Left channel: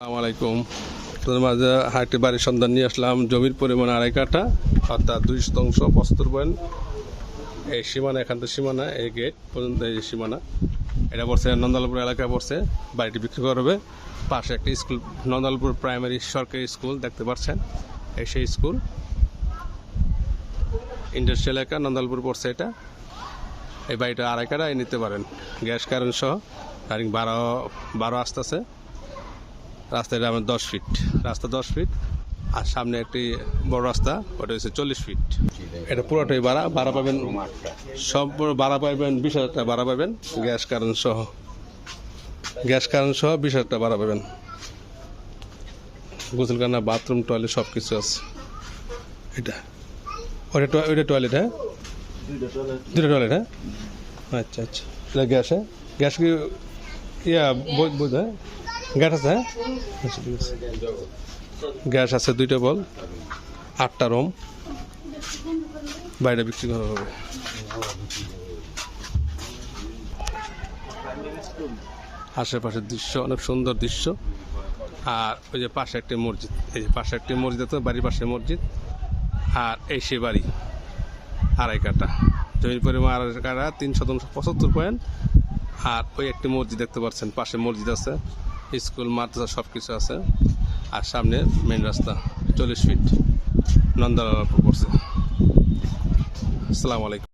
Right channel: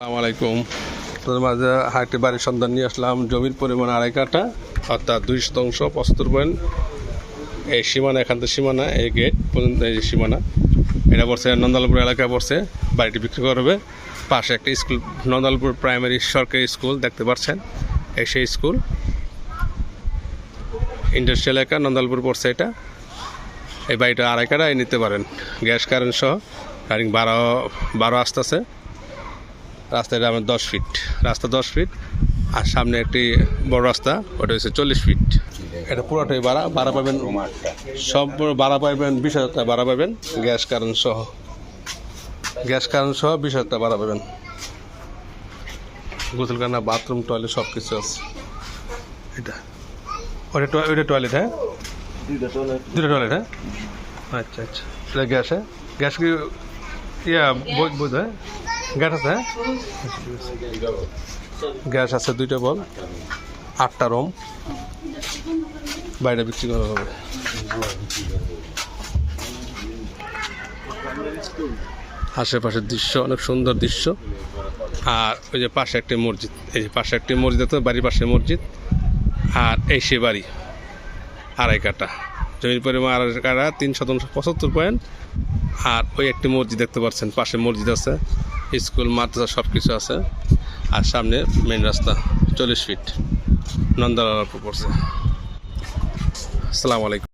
আসসালামু আলাইকুম। তোদের মাঝে হাটে বাড়ির সন্ধান নিয়ে আসলাম। জমির পরিমাণ 2.5 কাঠা, অর্থাৎ 2 শতাংশ 75 পয়েন্ট। এই সীমানা, এখান থেকে সীমানা, এই গেট পর্যন্ত এই যে সীমানা, এটা পড়ছে নন্দালপুর এলাকায় পড়ছে। বাড়িটি বিক্রি করবে। পাশে একটা স্কুল, নন্দালপুর প্রাইমারি সরকারি স্কুল দেখতে পাচ্ছেন। এই সেই স্কুল, ইন্ডাস্ট্রিয়াল এলাকা নন্দালপুর পড়ছে এটা। এই বাড়িটা 2.5 কাঠায় নিতে পারেন, গ্যাস কারেন্ট সহ। কারেন্ট 12 আসতেছে। রাস্তাটা আমার 10 ফিট, রাস্তা 10 ফিট, আর সামনে একটি বড় রাস্তা, ওটা হচ্ছে 40 ফিট। এটা পুরোটাই ভাড়া পাবেন, সব ভাড়া পাবেন 20,000 টাকা ভাড়া পাবেন, গ্যাস কারেন্ট সহ 20,000 টাকা ভাড়া পাবেন। গোসলখানা, বাথরুম, টয়লেট সব কিছু আছে। এটা ওইটা টয়লেট, হ্যাঁ, দুটো টয়লেট, হ্যাঁ, আচ্ছা আচ্ছা। এটা গ্যাস, হ্যাঁ, গ্যাস কি বোঝ, হ্যাঁ, গ্যাস আছে, হ্যাঁ, গ্যাস আছে 2টা বল, 8টা রুম, বাইরে বিক্রি করা হবে। আশেপাশের দৃশ্য অনেক সুন্দর দৃশ্য। আর ওই যে পাশে একটি মসজিদ, এই যে পাশে একটি মসজিদ আছে, বাড়ির পাশে মসজিদ। আর এই সে বাড়ি 2.5 কাঠা, জমির পরিমাণ 2.5 কাঠা, 3 শতাংশ 75 পয়েন্ট। আর ওই একটি মসজিদ দেখতে পাচ্ছেন, পাশে মসজিদ আছে, স্কুল, মাদ্রাসা সব কিছু আছে। আর সামনে মেন রাস্তা 40 ফিট, নন্দালপুর পড়ছে। আসসালামু আলাইকুম।